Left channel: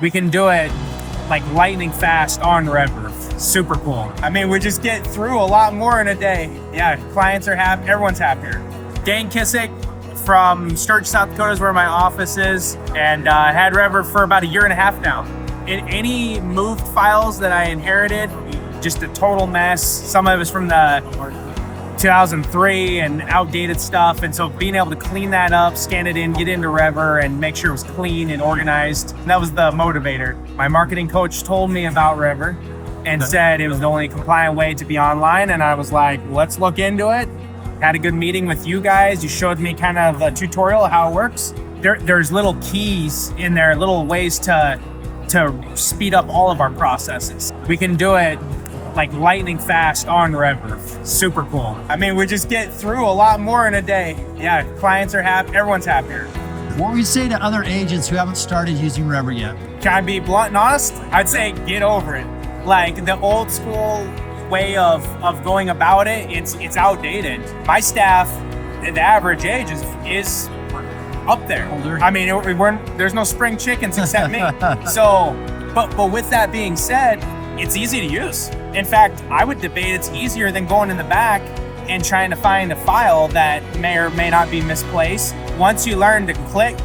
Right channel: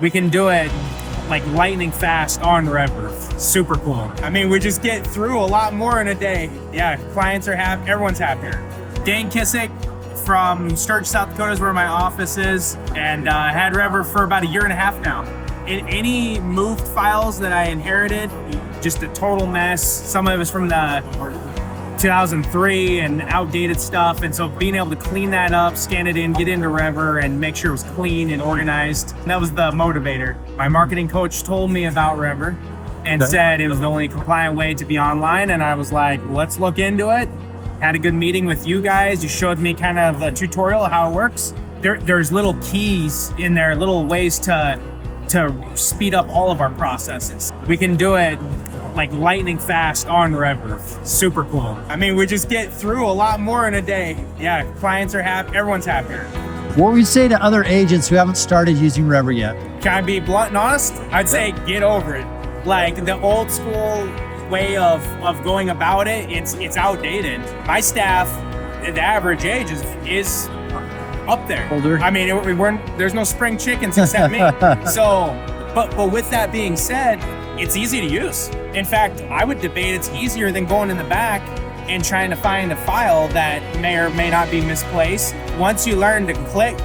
We can do it like lightning fast on Revver. Super cool. I mean, we just get through a lot more in a day. Yeah, clients are happy, everyone's happier. Dane Kissack from Sturgis, South Dakota is where my office is, and I had Revver for about 1.5 years now. In any moved files that I inherited, just a total mess. Some of it's from the 2003 and outdated stuff, and so being able to clean that up, scan it in, get into Revver, and make sure it was clean and organized, that was the motivator. My marketing coach told me about Revver and said it was the only compliant way to be online, and I was like, let's look into it. Had a good meeting with you guys. You showed me kind of a tutorial of how it works. There's little keys in there, little ways to speed up all of our processes. We can do it like lightning fast on Revver. Super cool. I mean, we just get through a lot more in a day. Yeah, clients are happy, everyone's happier. What would you say to other agents who haven't started using Revver yet? Can I be blunt and honest? I'd say get over it. Like the old school way of going about it, it's outdated. My staff, the average age is up there. Older. I mean, there's no spring chickens except me. So, but with that being said, it's easy to use. In fact, I would debate it's easier than going in the back and trying to find a file that may or may not be misplaced. Once you learn to click,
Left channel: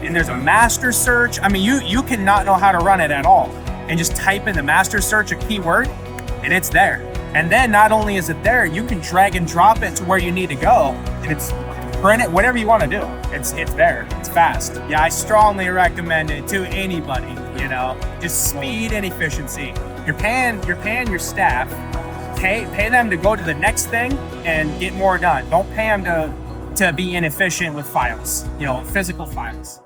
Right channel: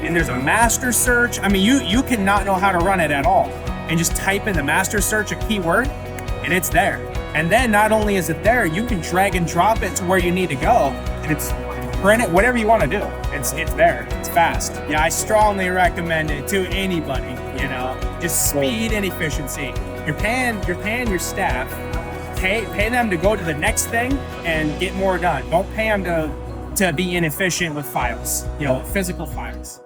and there's a master search. I mean, you can not know how to run it at all and just type in the master search a keyword and it's there. And then not only is it there, you can drag and drop it to where you need to go, and it's print it, whatever you want to do. It's there. It's fast. Yeah, I strongly recommend it to anybody. You know, just speed and efficiency. You're paying your staff. Pay them to go to the next thing and get more done. Don't pay them to be inefficient with files. You know, physical files.